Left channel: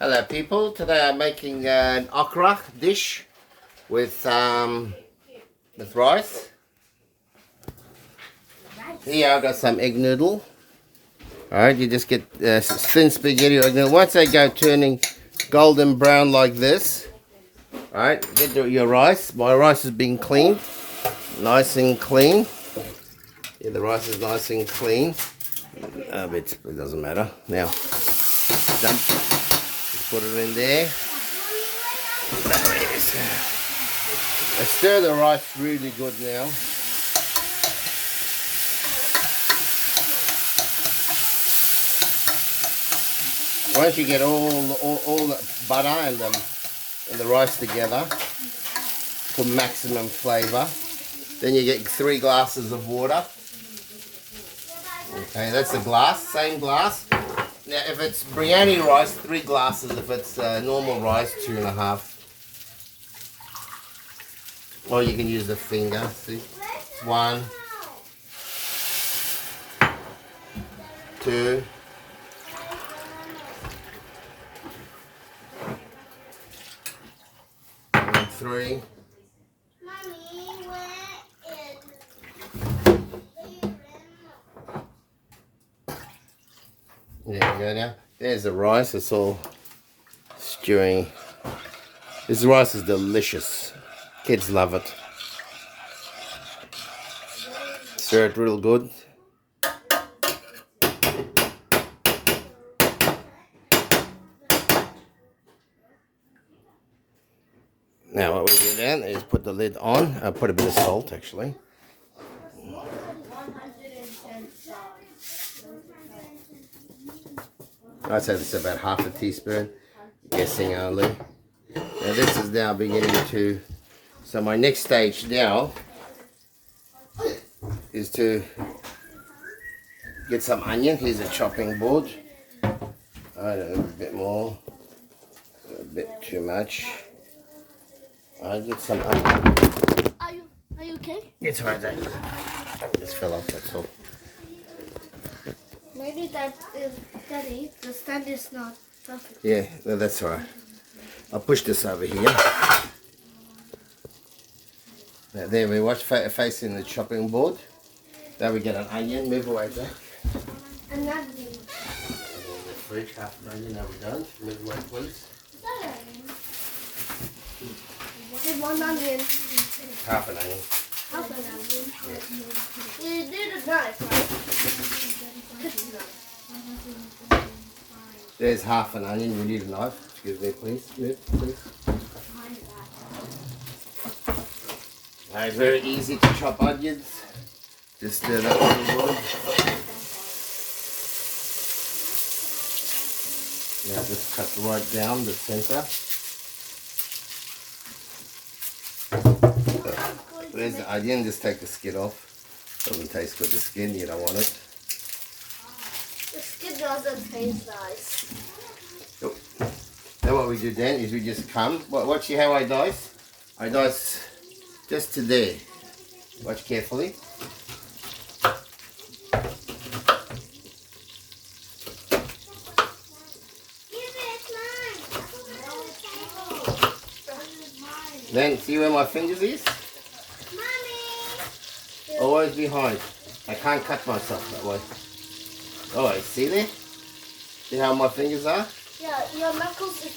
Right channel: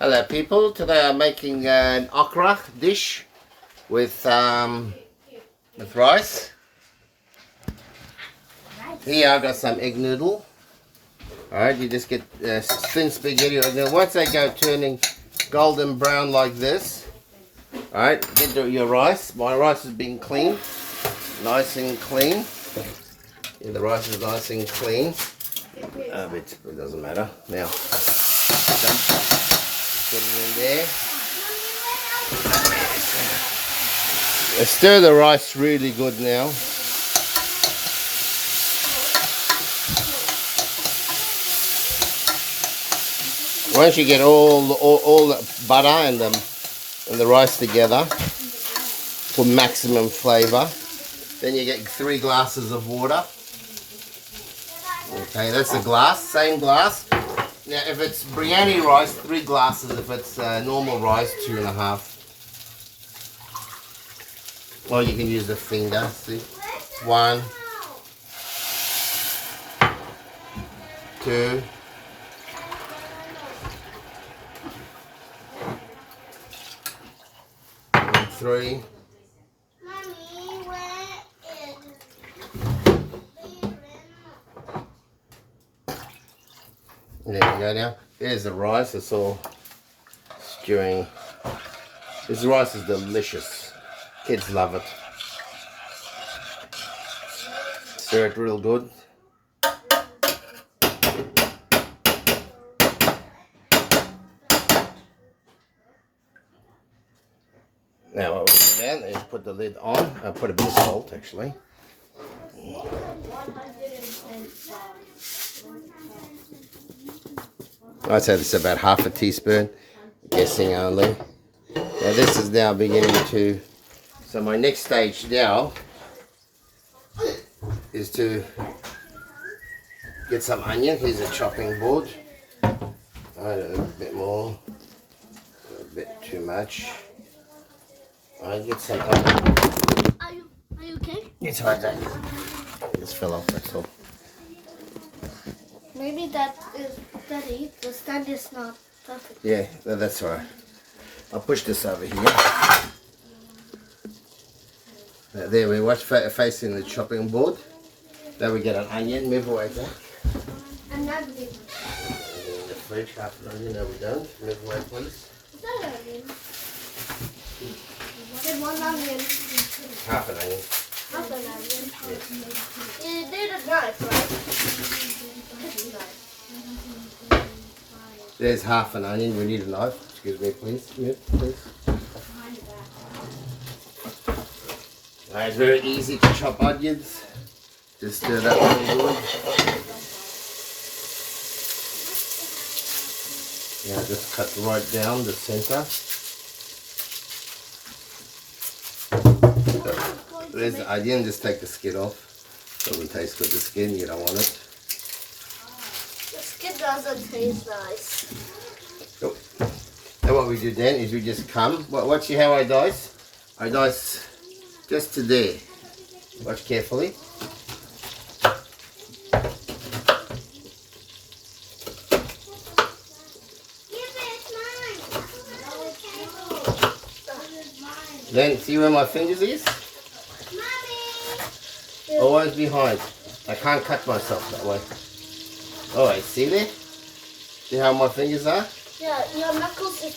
Hello people, today I'm making an okra dish with rice. Here I've got some egg noodle. Alright, you just get thin spaghetti. Now once they go turning golden brown like this, alright, get your rice. My rice has been cleaned, nice and clean. Yeah, the rice is nice and clean. It doesn't matter. Now, put it in there. Stir the rice really good now. Once you get all the butter and the rice together for maximum flavour, then you get 3 glasses of water. Okay, that's a glass, same glass. Now, if it's biryani rice, 3 glasses. If it's normal rice, 2.5. Or you can use a finger. See, 1, 2, 3. There we go now. There's the rice. It's all stewing. This rice is delicious. Kids love it. Stir it real good. Now what we'll do then is put the lid on. I'll put a bit of salt actually. I'd say it's about half a teaspoon, guessing only. Now this is now beginning to, so my next stage now is to get some onion. Here's a chopping board. I don't know, a bit more, a bit too much. I get some onion. Are you okay? It's alright, Dave. Just fell off, that's all. Maybe that is steady. The stand is not perfect. Yeah, no, that's all right. I'll push this over here. There we watch facing the chopping board. Now we get an onion. Move away, Jack. Another thing. In the fridge, half an onion. No, we don't. Move away, please. Is that an onion? Did one onion. Half an onion. Half an onion. You did a knife, right? There's half an onion. We need a knife. Excuse me, please. Move, please. It's very easy to chop onions. Just stir that one good. Now just cut right down the center. There's the onion. Just take the skin off. Doesn't taste good. The skin, you don't want it. The skin doesn't taste nice. Nope. Now what we do then is we just come. Watch how I dice. I dice just to there. Watch carefully. Then see where my fingers is? Always behind. I can't cut myself that way. Alright, see there? See how my fingers are? Yeah, your knuckles is...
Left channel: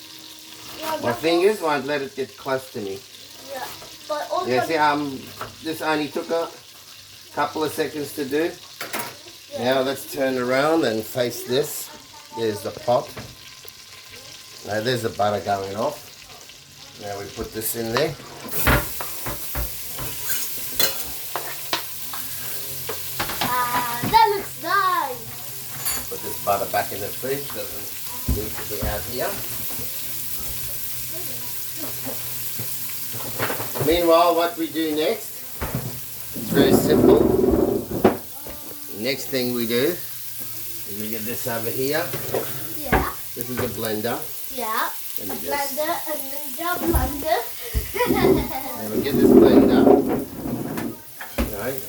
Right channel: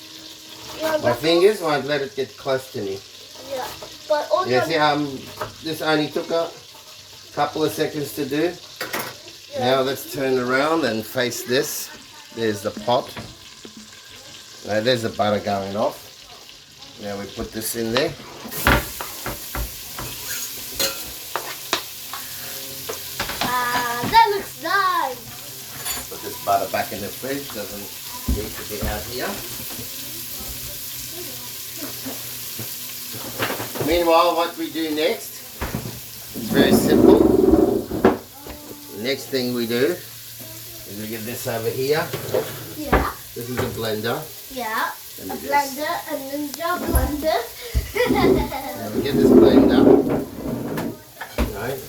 My fingers won't let it get close to me. Yeah, but all Yeah, see how this only took a couple of seconds to do? Yeah. Now let's turn around and face this. There's the pot. Now there's the butter going off. Now we put this in there. That looks nice. Put this butter back in the fridge. Doesn't need to be out here. Meanwhile, what we do next is very simple. The next thing we do is we get this over here. Yeah. This is a blender. Yeah. A blender, a ninja blender. Now we get this blender. Right.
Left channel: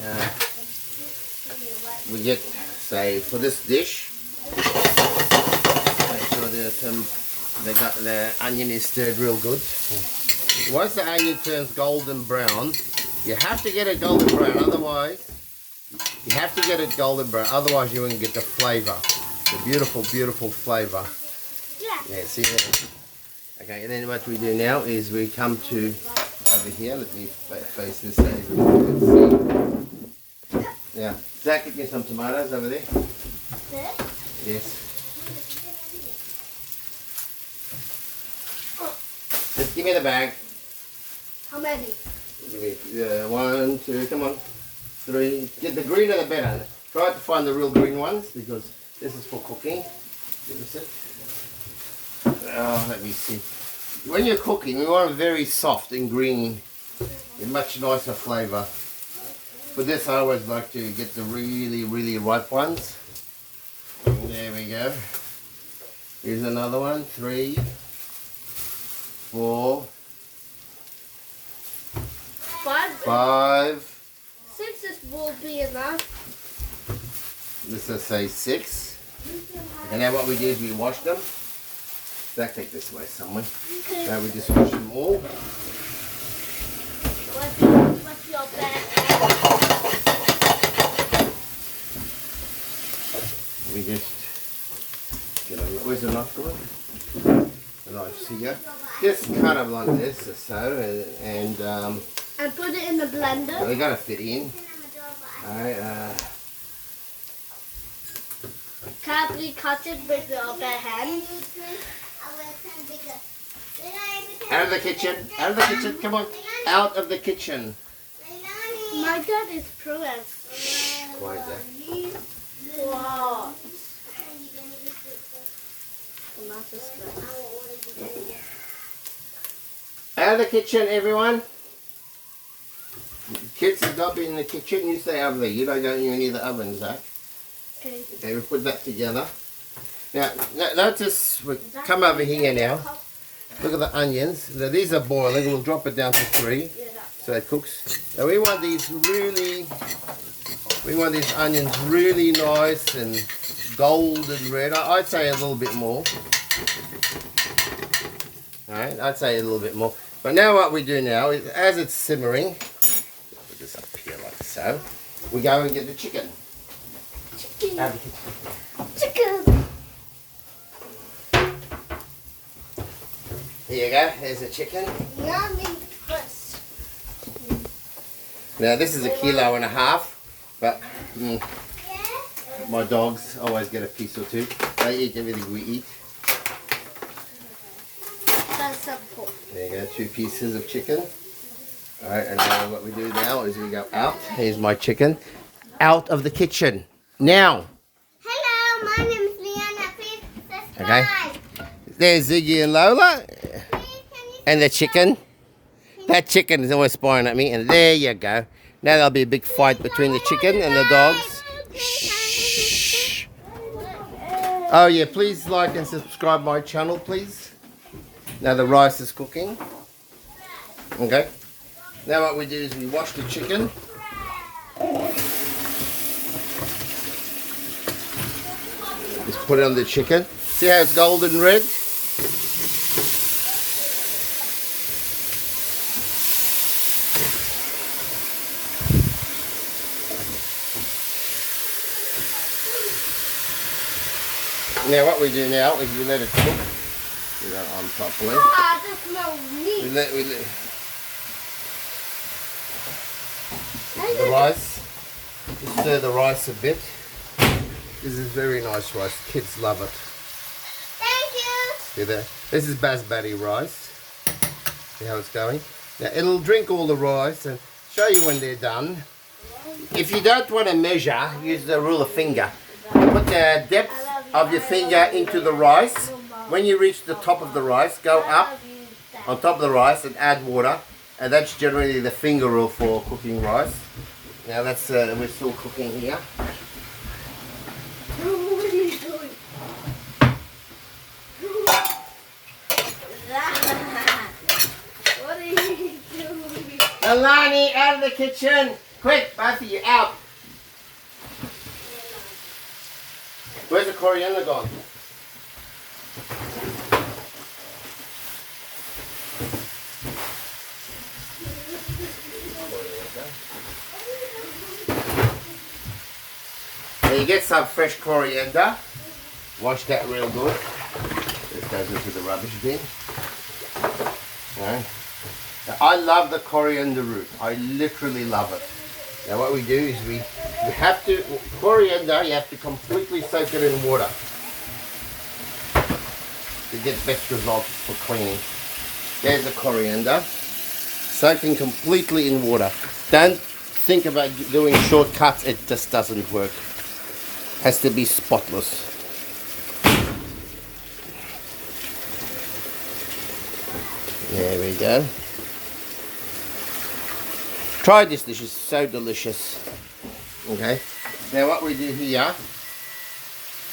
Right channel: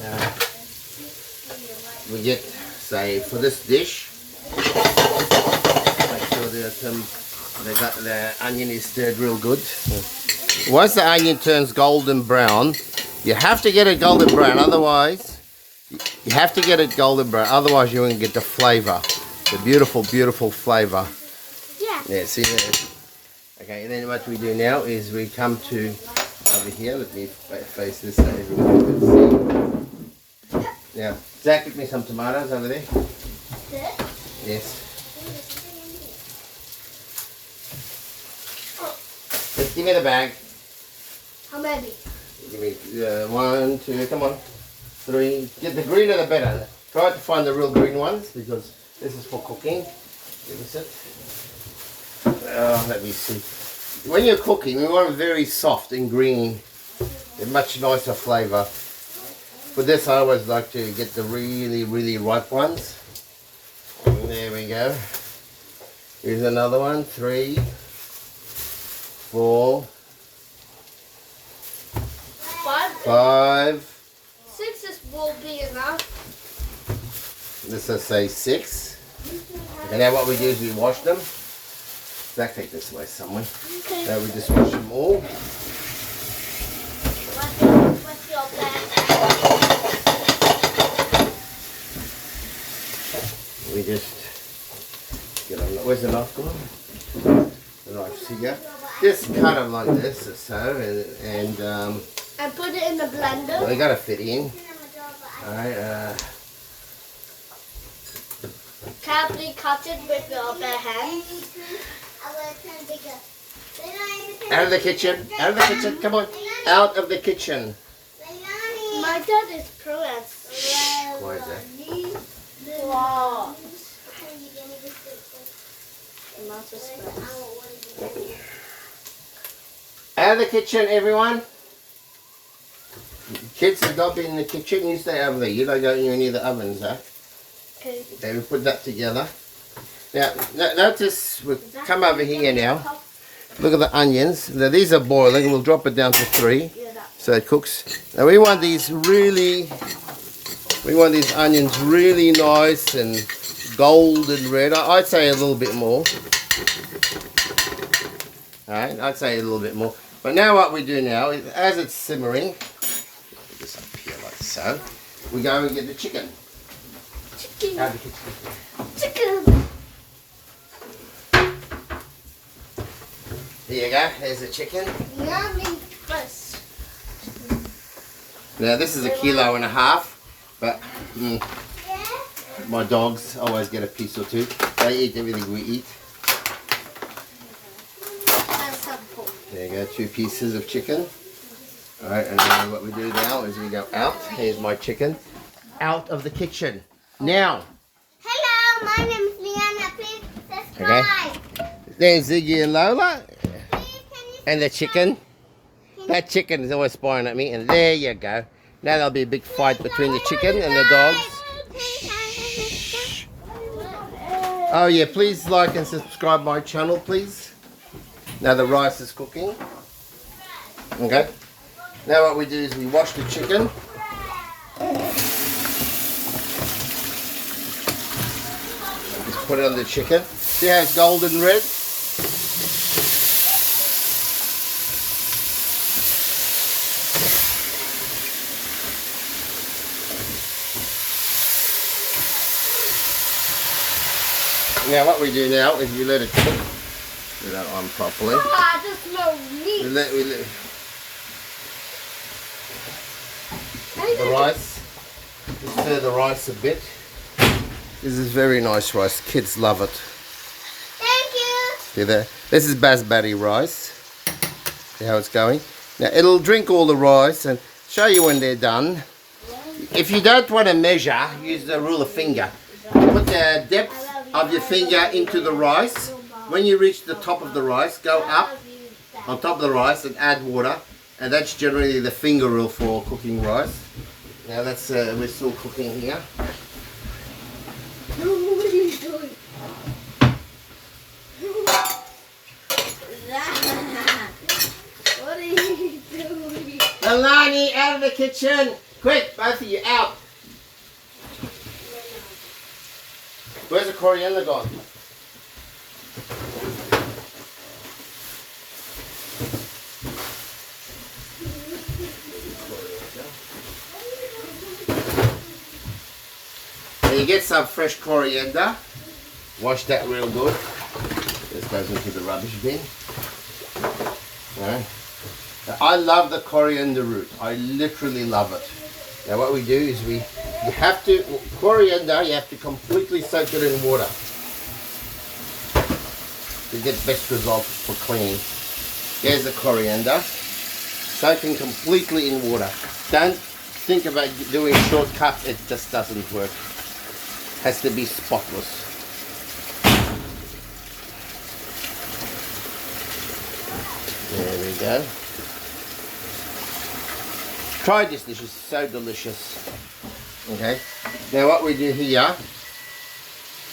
We get, say, for this dish, make sure that The onion is stirred real good. Once the onion turns golden brown, you have to get it golden brown. Otherwise, you have to get it golden brown. Otherwise, you won't get the flavour, the beautiful, beautiful flavour. Yeah. Yeah. See there. Okay. And then what we do now is we come to over here. Let me face this so everybody can see. Now, Zach, get me some tomatoes over there. This? Yes. Just give me the bag. How many? Give me 1, 2, come on. 3. Get the greener the better. Try to find the real green ones because this is for cooking. Give us it. Let me see. When you're cooking, we want it very soft and green. A much nicer flavour. For this, I always like to get the really, really ripe ones. And there we go. Here's another one. 3, 4, 5. 6 will be enough. This will say 6. And now what we do is we wash them. Zach, take this away somewhere. Okay. Now we just wash them all. What's your bag? We just get a, where's the knife gone? The knife here. Just cut them like this or so, and put it in the blender. they gotta fit in. Alright, Can I please cut it with your bare hands? out of the kitchen, out of the kitchen, come on, out of the kitchen. My dad is pro at. Why is that? Wow. Out of the kitchen, everyone. Kids have not been in the kitchen. You stay over there. You don't go near the oven, Zach. Okay. Okay, we put that together. Now, notice we come over here now. Look at the onions. Now, these are boiling. We'll drop it down to 3, so it cooks. Now we want these onions really nice and golden red. I'd say a little bit more. Alright, I'd say a little bit more. But now what we do now is, as it's simmering, put this up here like so, we go and get the chicken. Chicken. Out of the kitchen. Chicken. Here you go, there's the chicken. Yummy first. Now this is 1.5 kilos, but my dogs always get a piece or 2. They eat everything we eat. And some pork. There you go, 2 pieces of chicken. Alright, and now what we do now is we go out. Here's my chicken. Out of the kitchen. Now. Hello, my name is Liana. Please subscribe. Okay. There's Ziggy and Lola. And the chicken. That chicken is always spying at me. And there you go. Now there'll be a big fight between the chicken and the dogs. Shh. Oh yeah, please like and subscribe my channel, please. Now the rice is cooking. Okay. Now what we do is we wash the chicken. Just put it on the chicken. See how it's golden red? Now what we do now is we let it cook. Do that on properly. Ah, this smells neat. We let the rice. Just stir the rice a bit. This is very nice rice. Kids love it. Thank you. See that? This is basmati rice. See how it's going? Now it'll drink all the rice and show you when they're done. If you don't want to measure, use the rule of finger. Put the depth of your finger into the rice. When you reach the top of the rice, go up on top of the rice and add water. And that's generally the finger rule for cooking rice. Now that's we're still cooking here. What are you doing? What are you doing? Alani, out of the kitchen! Quick, both of you, out! Where's the coriander gone? you get some fresh coriander, wash that real good. This goes into the rubbish bin. Yeah. Now, I love the coriander root. I literally love it. Now what we do is we have to, coriander, you have to completely soak it in water to get best results for cleaning. There's the coriander, soaking completely in water. Don't think about doing shortcuts, it just doesn't work. Has to be spotless. There we go. Try this dish, it's so delicious. Okay, now what we do here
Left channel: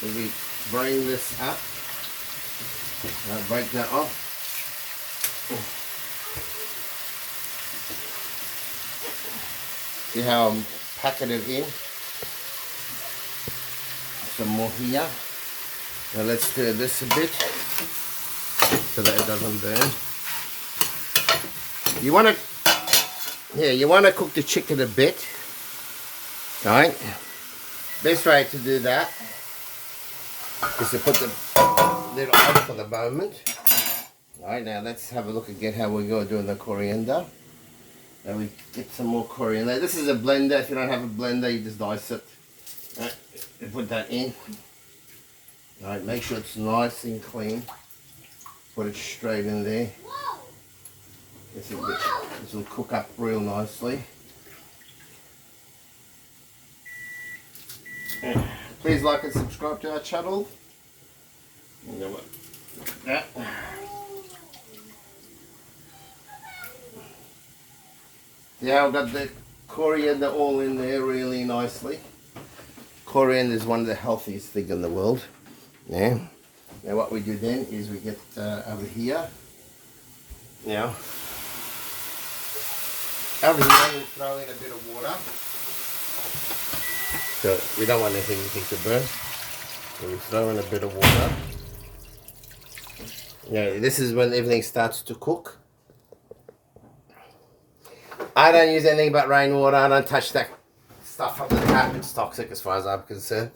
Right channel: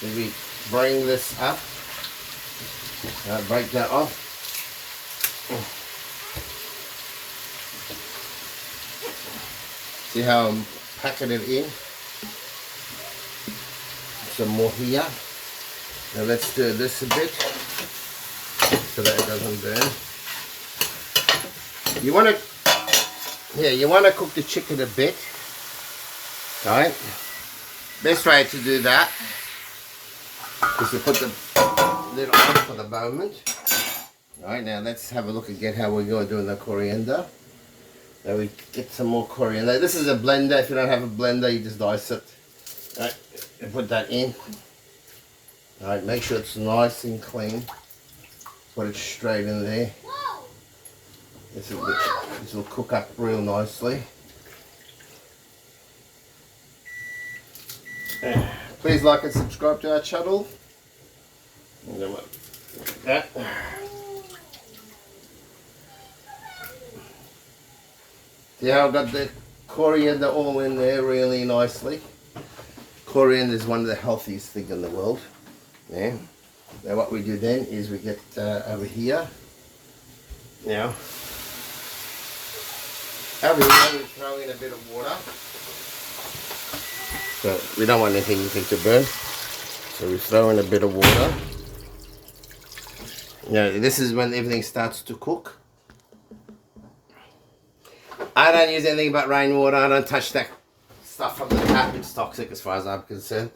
is we bring this up, break that off. See how I'm packing it in? Some more here. Now let's stir this a bit so that it doesn't burn. You want to cook the chicken a bit, right? Best way to do that is to put the lid on for the moment. Right, now let's have a look again how we're going to do the coriander. Now we get some more coriander. This is a blender. If you don't have a blender, you just dice it. Right, and put that in. Alright, make sure it's nice and clean. Put it straight in there. This will cook up real nicely. Please like and subscribe to our channel. Yeah. Yeah, I've got the coriander all in there really nicely. Coriander is one of the healthiest things in the world. Yeah. Now what we do then is we get over here. Now, over here we throw in a bit of water. So we don't want anything to burn. So we throw in a bit of water. Now this is when everything starts to cook. I don't use anything but rainwater. I don't touch that stuff from the tap. It's toxic as far as I'm concerned.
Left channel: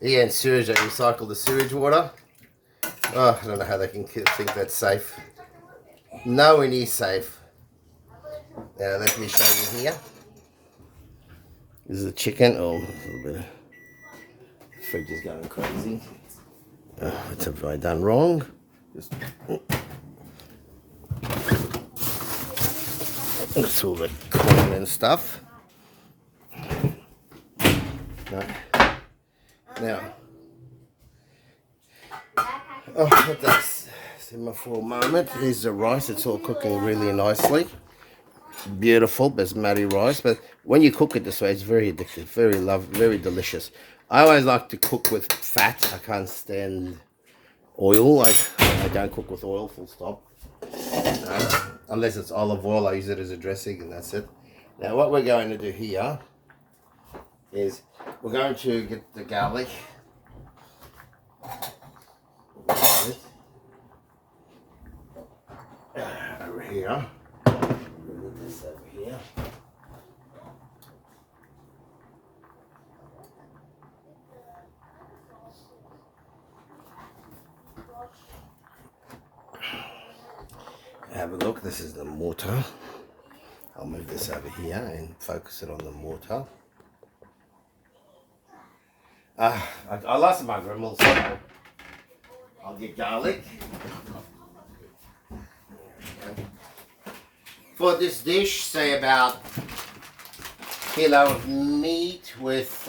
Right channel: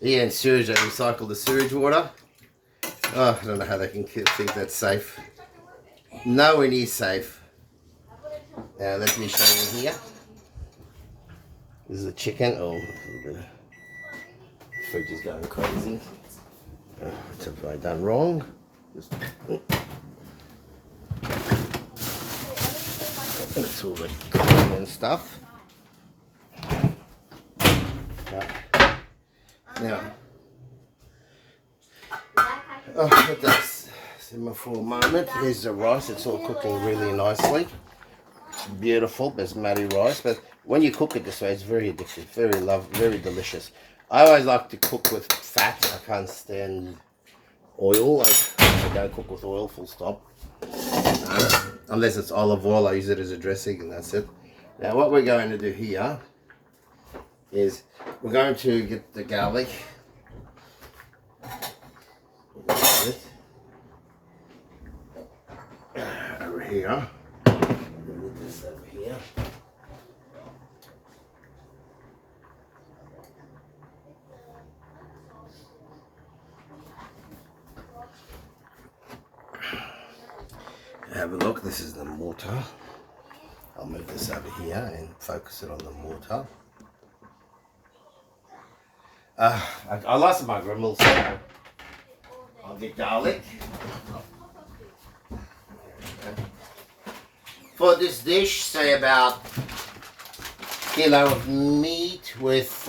Yeah, and sewage, they recycle the sewage water. Oh, I don't know how they can think that's safe. Nowhere near safe. Now let me show you here. This is the chicken. Oh, a little bit of fridge is going crazy. What have I done wrong? Just it's all the corn and stuff. Right. Now, let that simmer for a moment. Here's the rice. It's all cooking really nicely. Beautiful basmati rice. But when you cook it this way, it's very addictive, very delicious. I always like to cook with fat. I can't stand oil. I don't cook with oil, full stop. Unless it's olive oil, I use it as a dressing and that's it. Now what we're going to do here is we're going to get the garlic. Over here. Move this over here. Have a look, this is the mortar. I'll move this over here and focus it on the mortar. I lost my grimmel, so I'll get garlic. For this dish, say about a kilo of meat with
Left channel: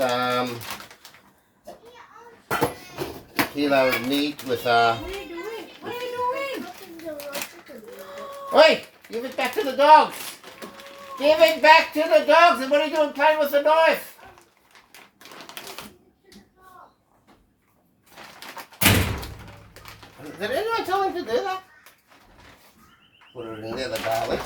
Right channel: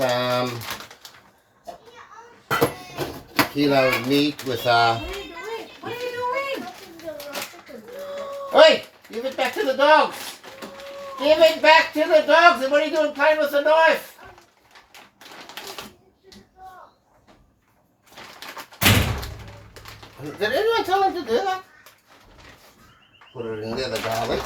Oi! Give it back to the dogs! Give it back to the dogs! And what are you doing playing with the knife? Did anyone tell him to do that? Put it in there, the garlic.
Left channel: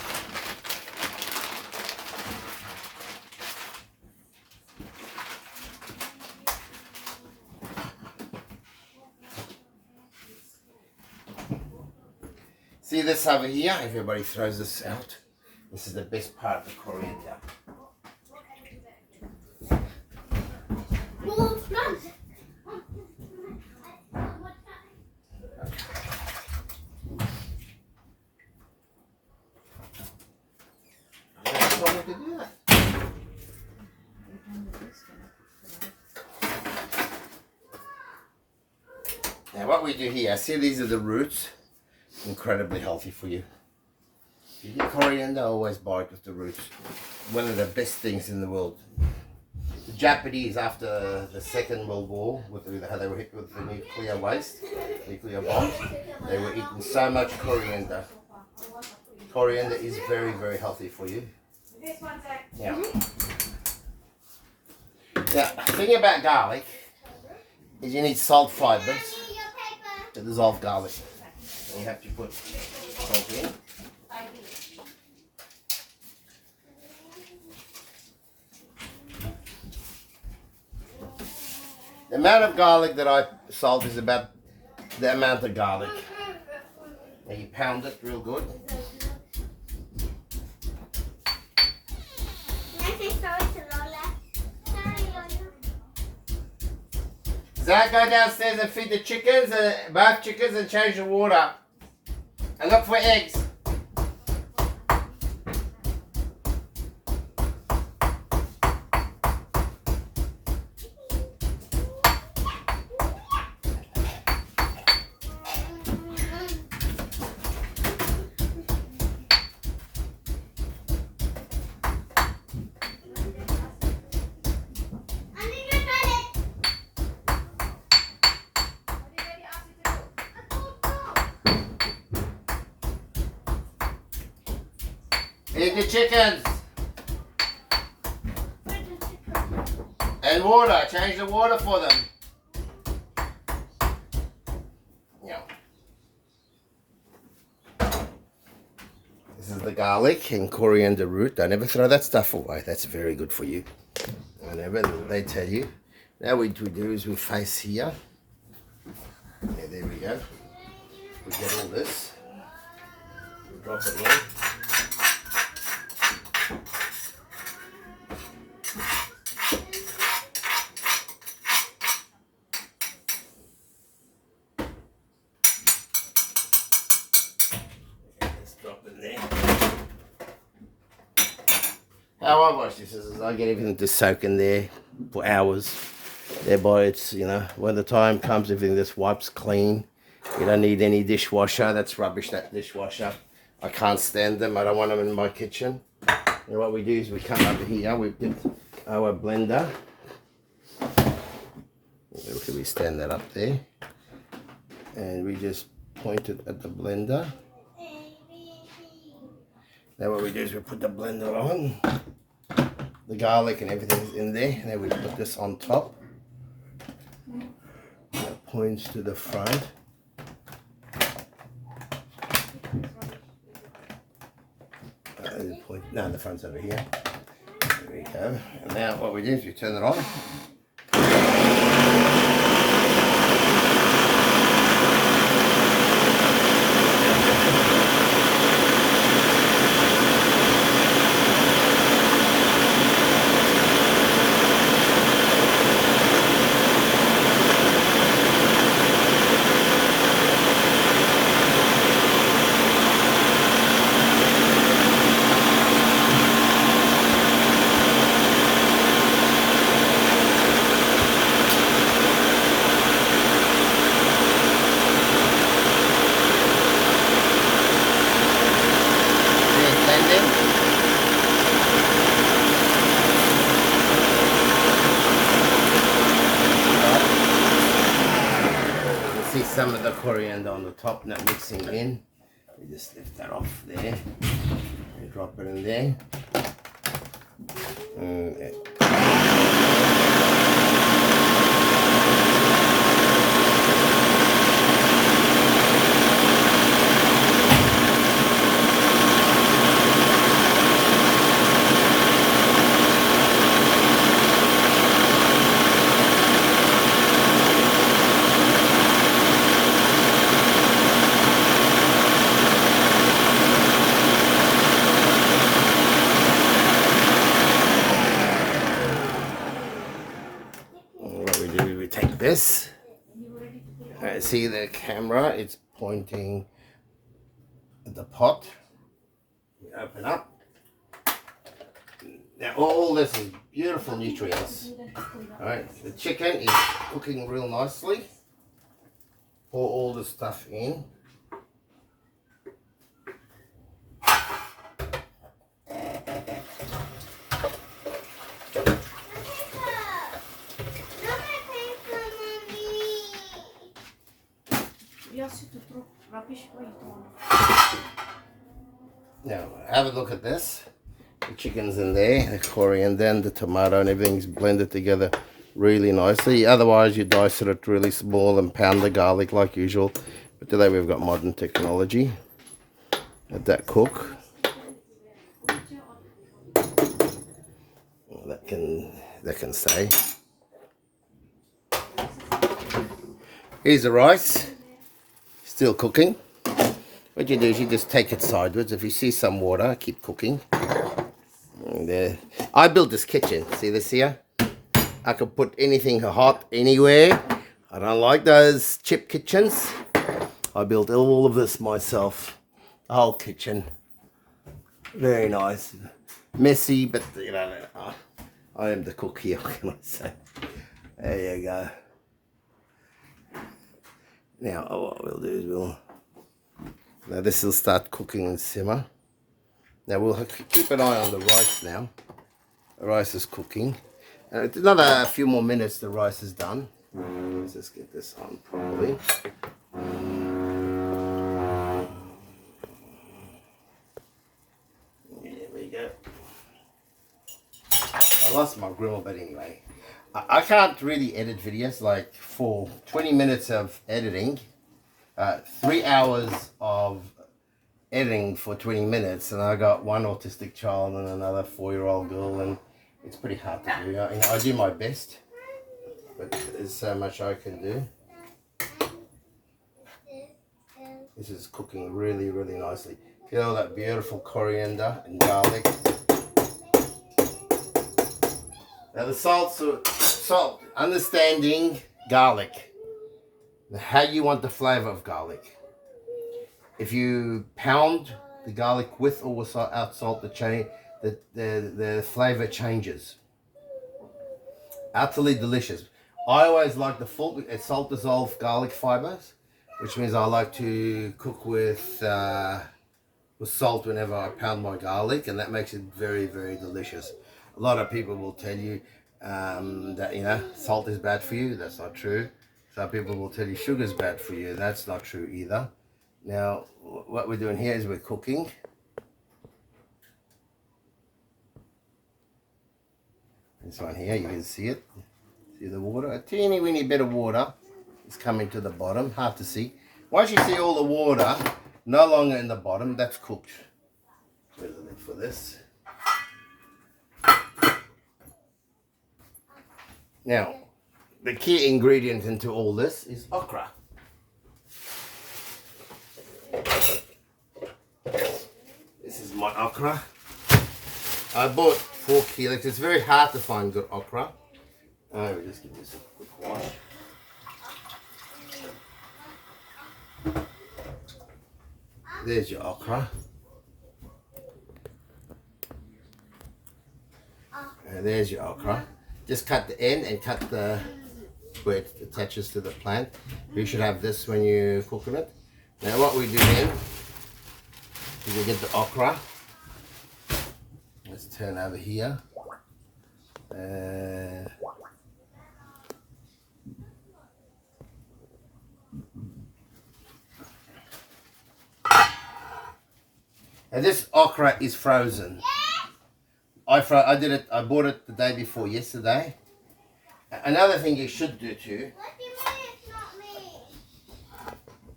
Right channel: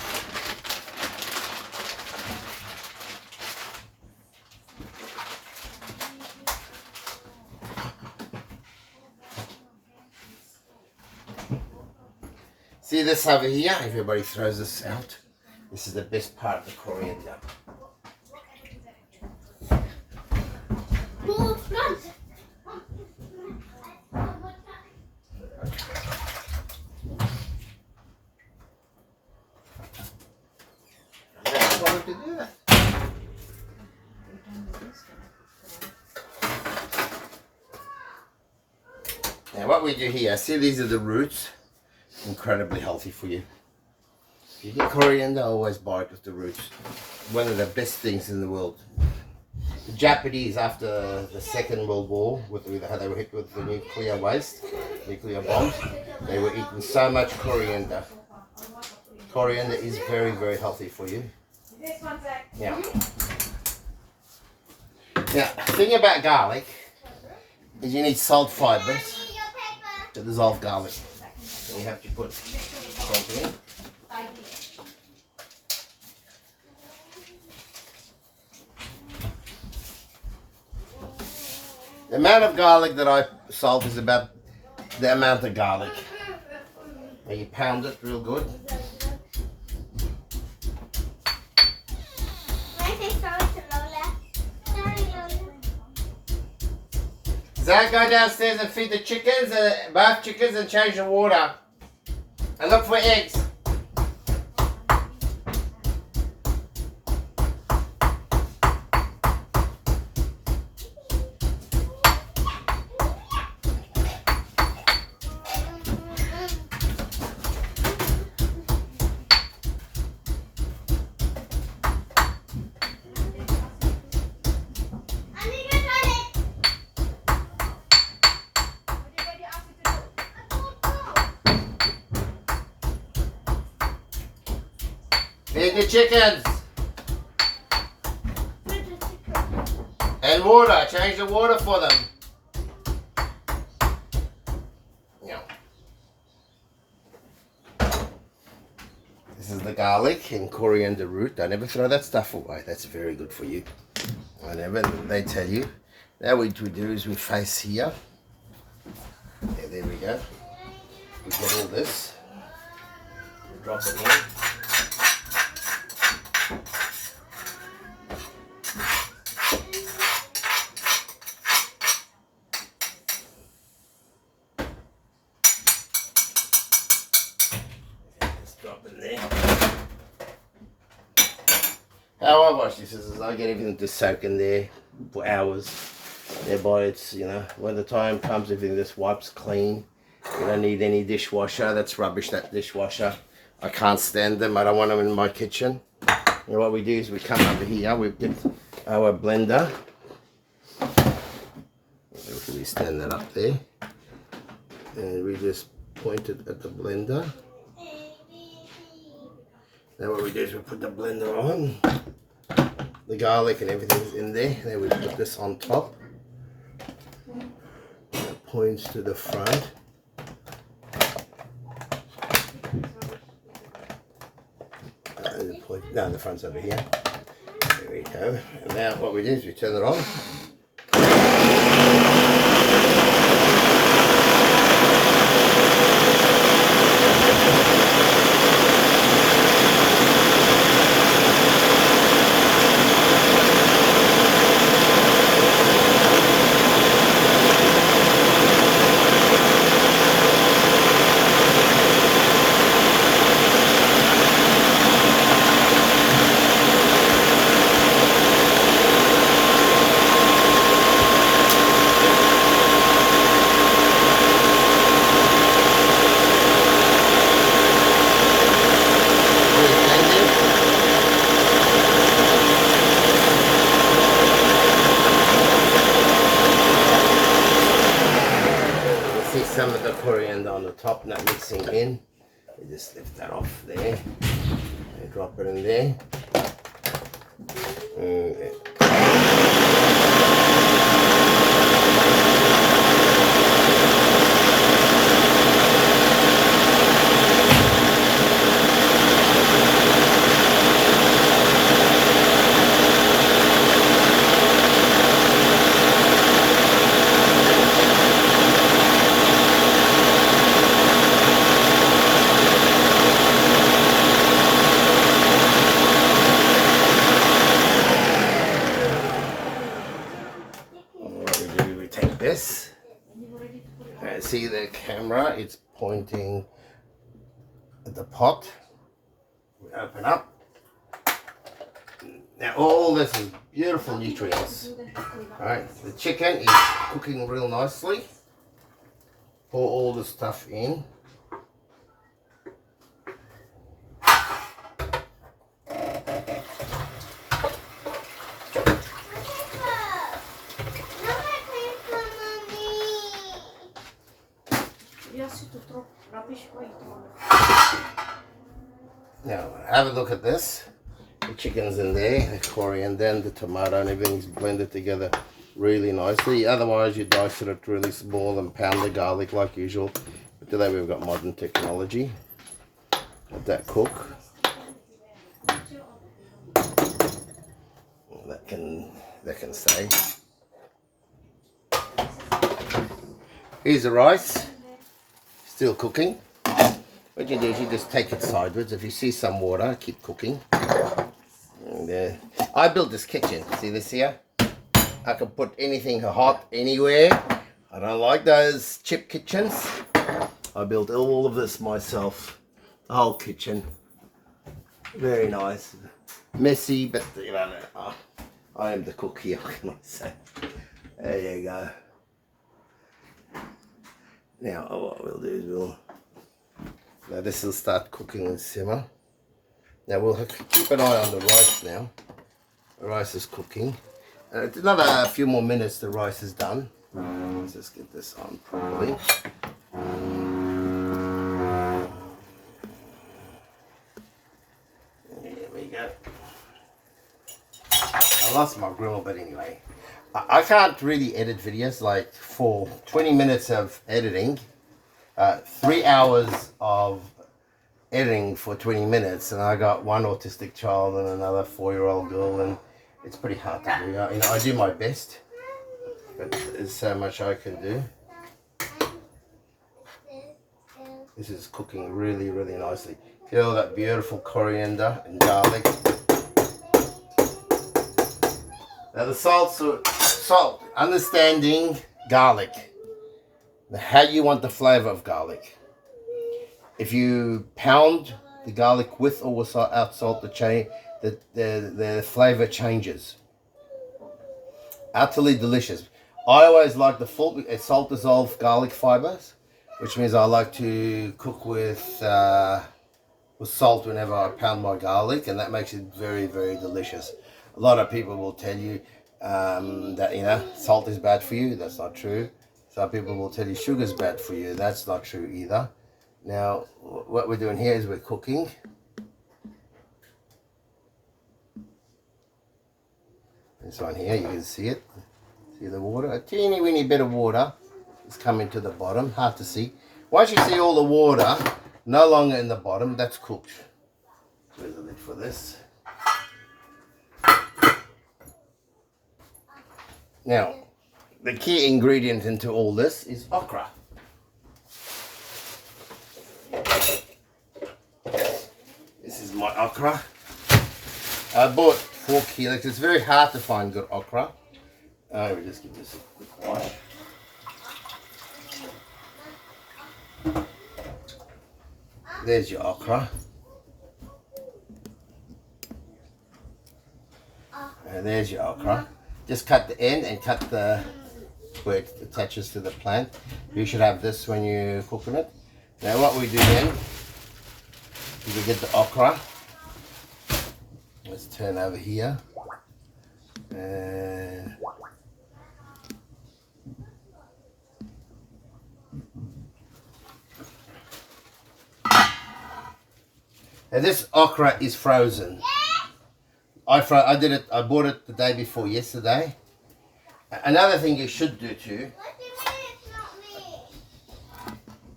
See this over here? Everybody throws this out. This is the best part of the coriander. Well, Francis, what we do here, see these are the roots, incredibly healthy for you. If you get coriander, always buy it with the roots. One of the best things in the world. The Japanese, after the Second World War, with how they were hit with the nuclear waste, nuclear bombs, they were eating so much coriander. Coriander is very, very healthy for you. Yeah. Now, the thing about garlic is you need salt fibers to dissolve garlic. So you have to put salt in. The amount of garlic that I salt is about the amount of garlic. And you pound it real good. Zach, go downstairs and feed the chickens, both chickens, and change the water. And look for eggs. Feed the chickens. And water. Change the water for them. Yeah. This is the garlic and coriander root. Don't ever throw that stuff away. That's very good for you. Whenever they tell you. Now what we do is we face here. Yeah, there we go. We get all this. We drop it in. How I wash this is I get everything to soak in there for hours. Thereby it's, you know, when the time comes, everything just wipes clean. You don't need any dishwasher. That's rubbish, that dishwasher. I can't stand them. I don't want them in my kitchen. And what we do is we come over here, we get our blender. We stand that up there. And we just point it at the blender. Now what we do is we put the blender on. The garlic and everything's in there. Then we put this on top. It points to the front. No, the front's over here. There we go. And now what we do is we turn it on. Some of the coriander on the top, not mixing in. You just lift that off there and drop it in there. This, see the camera, it's pointing at the pot. We open up. Now all this is beautiful nutrients. Alright, the chicken is cooking real nicely. pour all the stuff in. Now, have a look at this. The chicken's in there, the coriander and the tomato and everything's blended together really nicely. Otherwise, you dice it really small and pound the garlic like usual. But today we've got modern technology. Let that cook. That can stay. Here's the rice. Still cooking. What you do is you just take it sideways. If you see some water, keep cooking. And, I built this kitchen. See this here? I can put anything hot anywhere. I don't like those chip kitchens. I built all of this myself. The whole kitchen. Very nice. Messy, but you know, I am the cook here, what can I say? There you go. Now, what we'll do is now this will start cooking and simmer. Now we'll have to keep an eye on the rice now. The rice is cooking. Another few more minutes, the rice is done. Let's just get this on properly. There we go. I lost my grill, but anyway. I can't really edit videos. Like for 20 minutes of editing, 3 hours of editing for 20 minutes, and I got one autistic child and another 4-year-old girl, and it's pretty hard to do. You know, I do my best, but there's so much I can do. This is cooking really, really nicely. See all that beautiful coriander and garlic. Now the salt, understanding garlic. Now how you want the flavor of garlic. If you pound the garlic with or without salt, the flavor changes. Utterly delicious. I always like the full salt dissolved garlic fibers, which means I like to cook with salt whenever I pound my garlic, and that makes it very, very delicious. A lot of people will tell you that, you know, salt is bad for you. That's not true. Some people will tell you sugar is bad for you. That's not true either. Now, what we're doing here is we're cooking. This one here, you can see it. See the water? A teeny weeny bit of water is coming to the bottom. Hard to see. Once you see all the water no longer in the bottom, that's cooked. Where's the lid for this? Now, the key ingredient into all this is okra. This is my okra. I bought 4 kilos. It's very hard to find good okra. I will just give this a quick wash. There's your okra. And there's your okra. Just cut the end and cut the where it attaches to the plant. You should have this when you're cooking it. Now what we do then is we get the okra. Let's turn over here. And this okra is frozen. I bought it the day before yesterday. Another thing you should do too.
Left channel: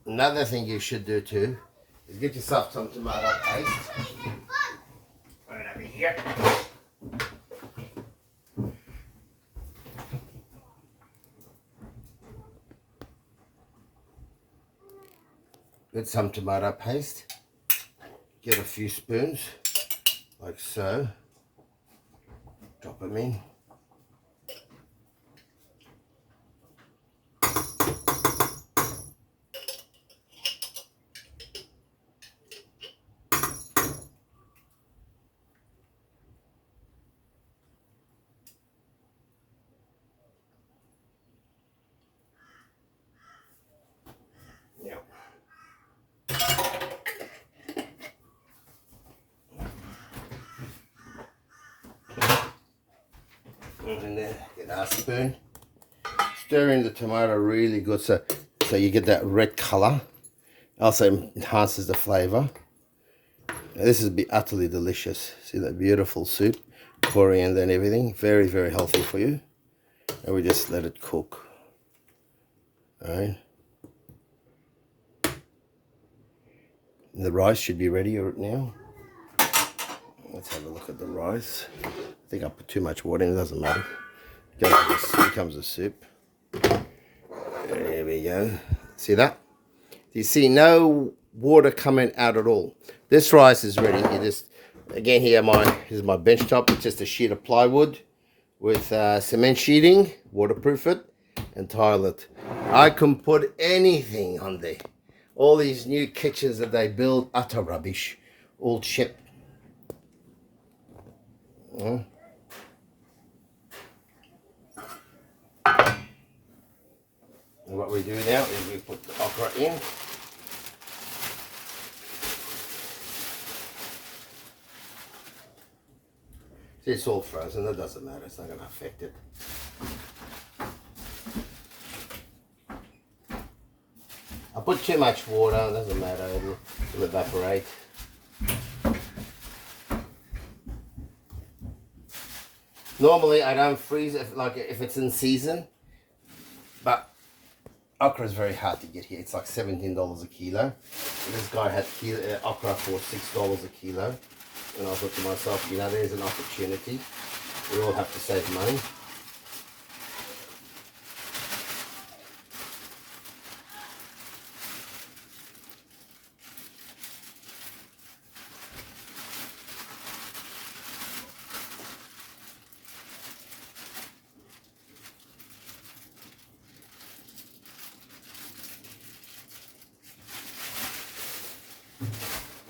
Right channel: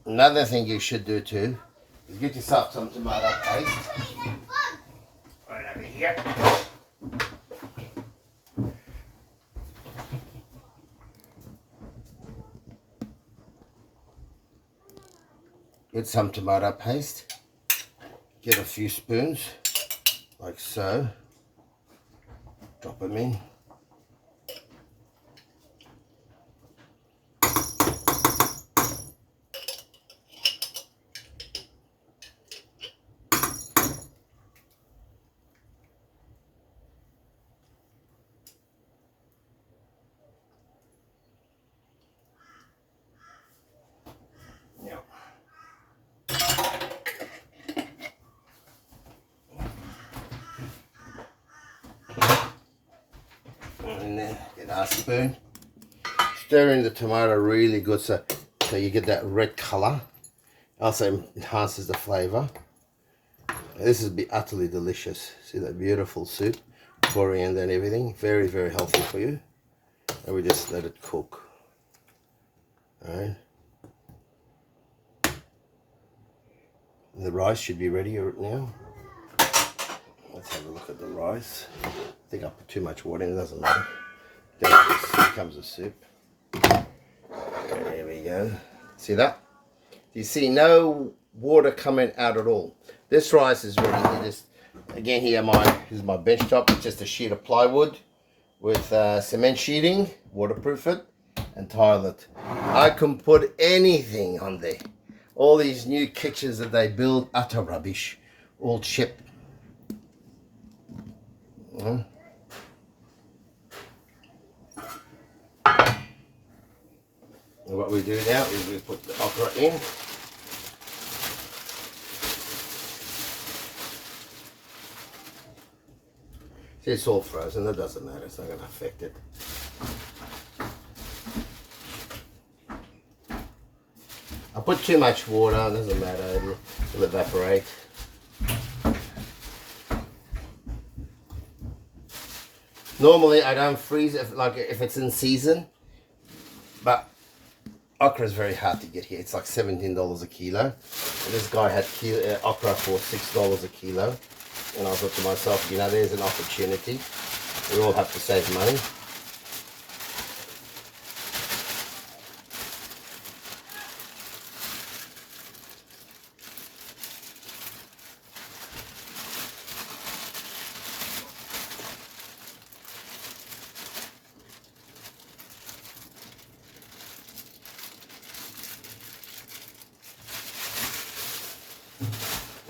Another thing you should do too is get yourself some tomato paste. Right over here. Get some tomato paste. Get a few spoons, like so. Drop them in. spoon. Stir in the tomato really good so you get that red color. Also enhances the flavor. This will be utterly delicious. See that beautiful soup, coriander and everything. Very, very healthy for you. And we just let it cook. All right. The rice should be ready now. Let's have a look at the rice. I think I put too much water in, it doesn't matter. Here comes the soup. There we go. See that? You see no water coming out at all. This rice is ready. You just, again here, here's my bench top. It's just a sheet of plywood with cement sheeting, waterproof it, and tile it. I can put anything on there. All these new kitchens that they build, utter rubbish, all shit. And what we do now is we put the okra in. See, it's all frozen, that doesn't matter, it's not going to affect it. I put too much water, it doesn't matter, it'll evaporate. Normally I don't freeze it if it's in season, but okra is very hard to get here. It's like $17 a kilo. And this guy had okra for $6 a kilo. And I thought to myself, you know, there's an opportunity. We all have to save money.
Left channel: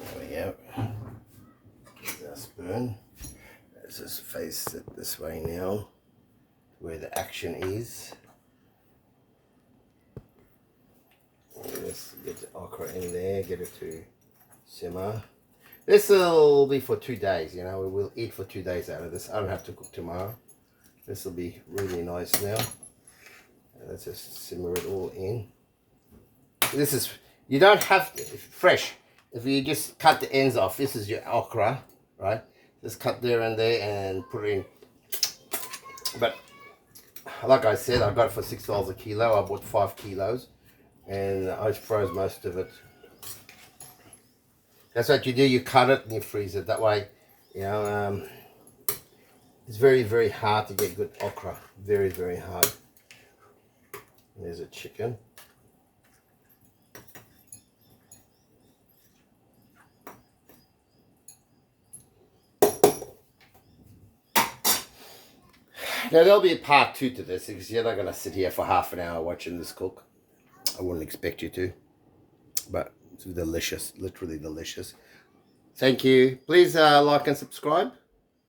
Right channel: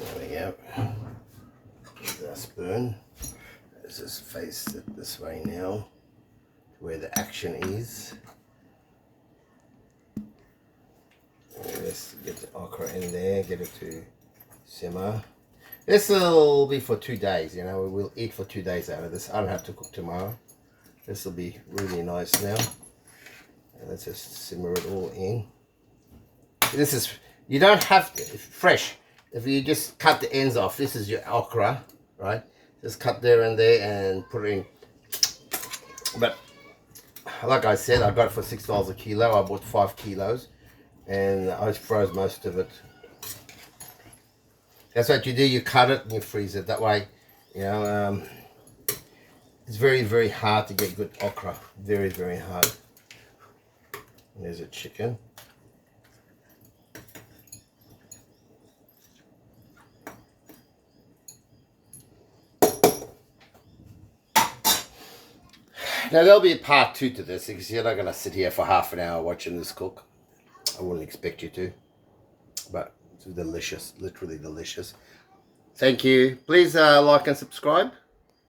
There we go. Here's our spoon. Let's just face it this way now, where the action is. And let's get the okra in there, get it to simmer. This will be for 2 days, you know, we'll eat for 2 days out of this. I don't have to cook tomorrow. This will be really nice now. And let's just simmer it all in. This is, you don't have to, fresh. If you just cut the ends off, this is your okra, right? Just cut there and there and put it in. But like I said, I got it for $6 a kilo. I bought 5 kilos and I froze most of it. That's what you do, you cut it and you freeze it. That way, you know, it's very, very hard to get good okra. Very, very hard. And there's a chicken. Now there'll be a part 2 to this because you're not going to sit here for half an hour watching this cook. I wouldn't expect you to. But it's delicious, literally delicious. Thank you. Please like and subscribe.